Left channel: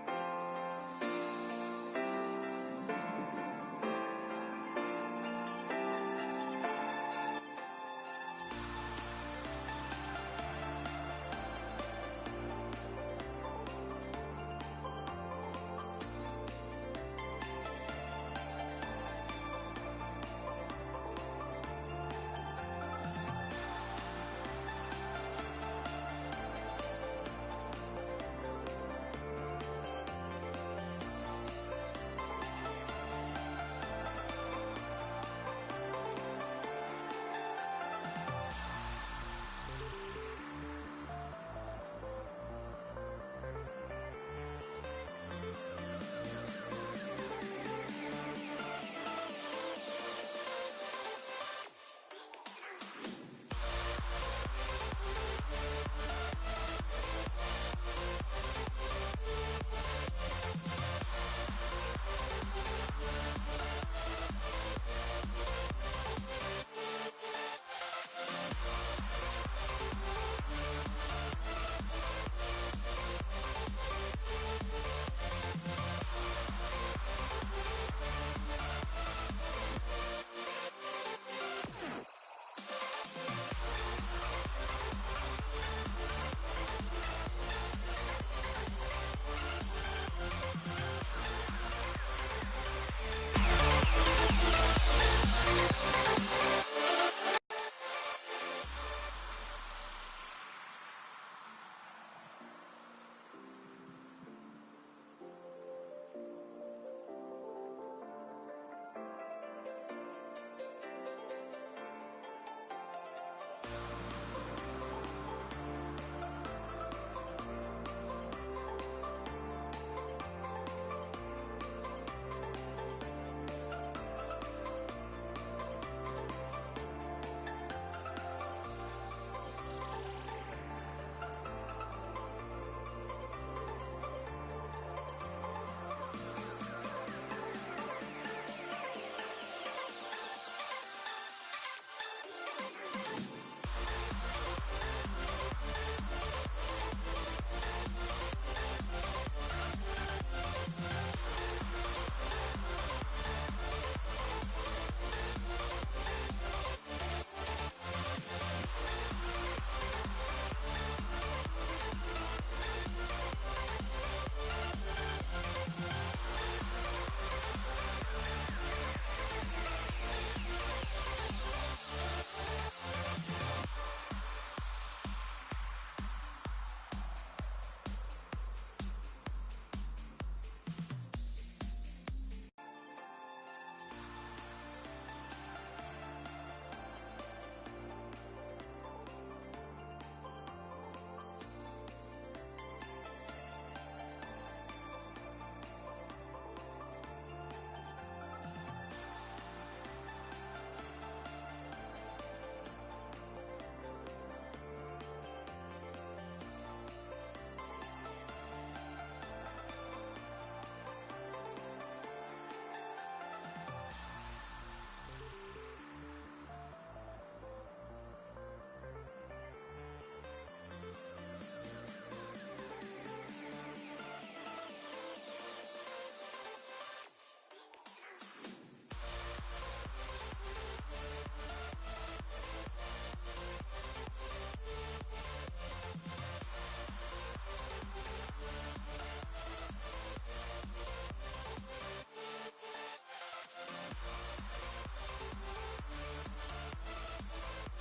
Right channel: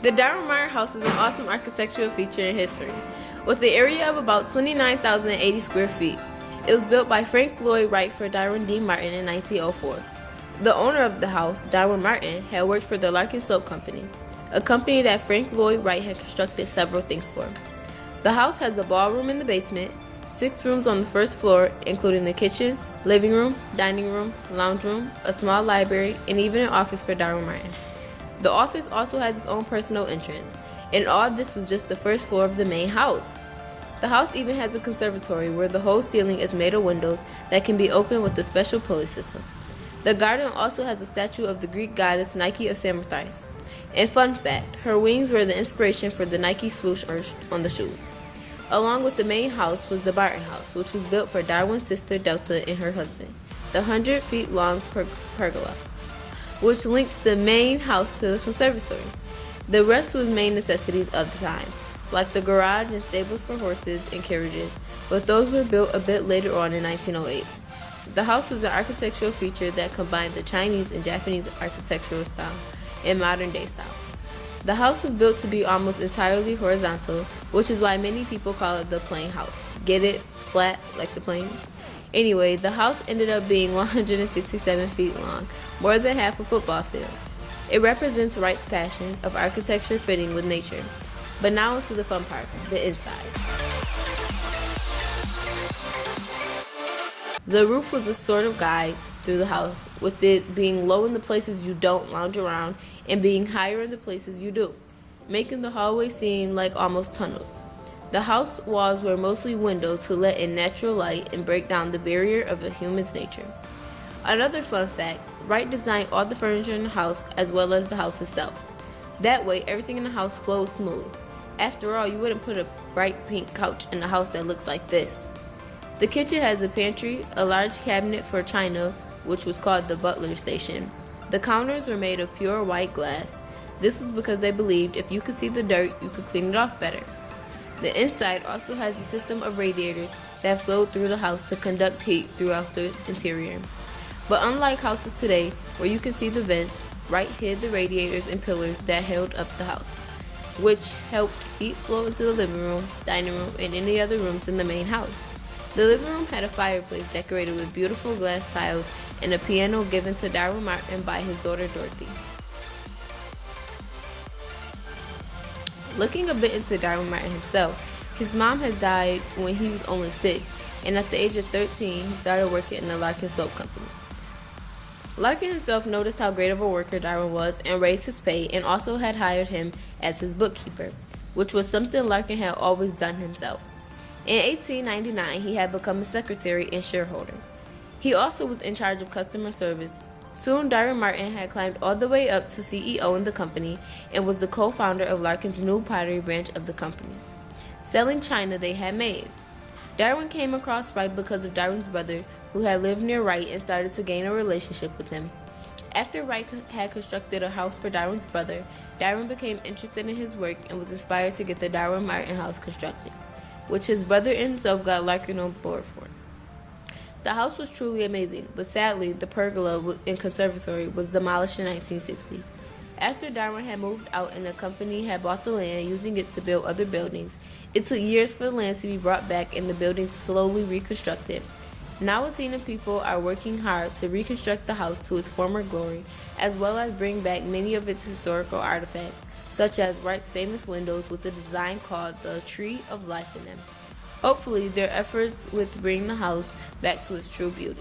The Darwin Martin house is an awesome architectural feature in history. With an area of about 29,080 square feet, it was built by Frank Lloyd Wright for Darwin D. Martin in 1904. The owner of the house, Darwin Martin, had worked for the Larkin Soap Company, a company that Frank Lloyd Wright had constructed several things for. The house has a ballroom in the basement, 6 rooms on the first floor, including the kitchen, living room, dining room, lounge room, a small library, and even an office for Darwin Martin. The office also has its own personal entrance, and all this was just the first floor of the main house. The house even has a conservatory where the whole ceiling is made of windows that can be opened with a special pulley system. The garden also has a statue of the Greek goddess Nike of Samothrace. And fun fact, her wings were the inspiration for the Nike swoosh on the shoes. Along with the main house was the Barton house, which was built for Darwin's sister Delta and her husband, the 100-feet-long pergola, which links the main house to the conservatory. The rest was main necessities of the time, like the garage and stables for horses and carriages, but those were built a bit later on in 1908. The house was an architectural feature that combined the Chinese and Japanese architectural style and modern day style. The house was built to be almost entirely horizontal, which is why many people call it the plane house. Get it? Flat, like the plane? Anyway, the house ended up being 167 feet long, more than half a football field. It represents Wright's passion of architecture fitting with nature. But now into the fun part, the inside. The roof was a sort of guide through the house, with it being low in the places you don't lounge around and being higher in the places you do, making the hallway seem like almost tunnels. The house walls were mostly windows to let in natural light and break down the barrier of a human's nature. Another fun fact, Wright designed all the furniture in the house as well as the house itself. That way, everything in the house flows smooth. After all, you wouldn't put a bright pink couch in a house that looks like this. The kitchen has a pantry, a large cabinet for china, which was called the butler station. The counters were made of pure white glass. This was because they believed if you could see the dirt, you could clean it off better. The inside also has a system of radiators that flowed through the house to conduct heat throughout the interior. But unlike houses today, where you can see the vents, Wright hid the radiators and pillars that held up the house, which helped heat flow into the living room, dining room, and any other rooms in the main house. The living room had a fireplace decorated with beautiful glass tiles and a piano given to Darwin Martin by his daughter Dorothy. Looking a bit into Darwin Martin himself, his mom had died when he was only 6, and at the age of 13, he started working in the Larkin Soap Company. Larkin himself noticed how great of a worker Darwin was and raised his pay, and also had hired him as his bookkeeper, which was something Larkin had always done himself. In 1899, he had become a secretary and shareholder. He also was in charge of customer service. Soon, Darwin Martin had climbed all the way up to CEO in the company and was the co-founder of Larkin's new pottery branch of the company, selling china they had made. Darwin came across Wright because of Darwin's brother, who had lived near Wright and started to gain a relationship with him. After Wright had constructed a house for Darwin's brother, Darwin became interested in his work and was inspired to get the Darwin Martin house constructed, which his brother and himself got Larkin on board for. The house was truly amazing, but sadly, the pergola and conservatory was demolished in 1960. After Darwin had moved out and the company had bought the land, using it to build other buildings, it took years for the land to be brought back and the buildings slowly reconstructed. Now a team of people are working hard to reconstruct the house to its former glory, as well as bring back many of its historical artifacts, such as Wright's famous windows with a design called the Tree of Life in them. Hopefully, their efforts with bringing the house back to its true beauty.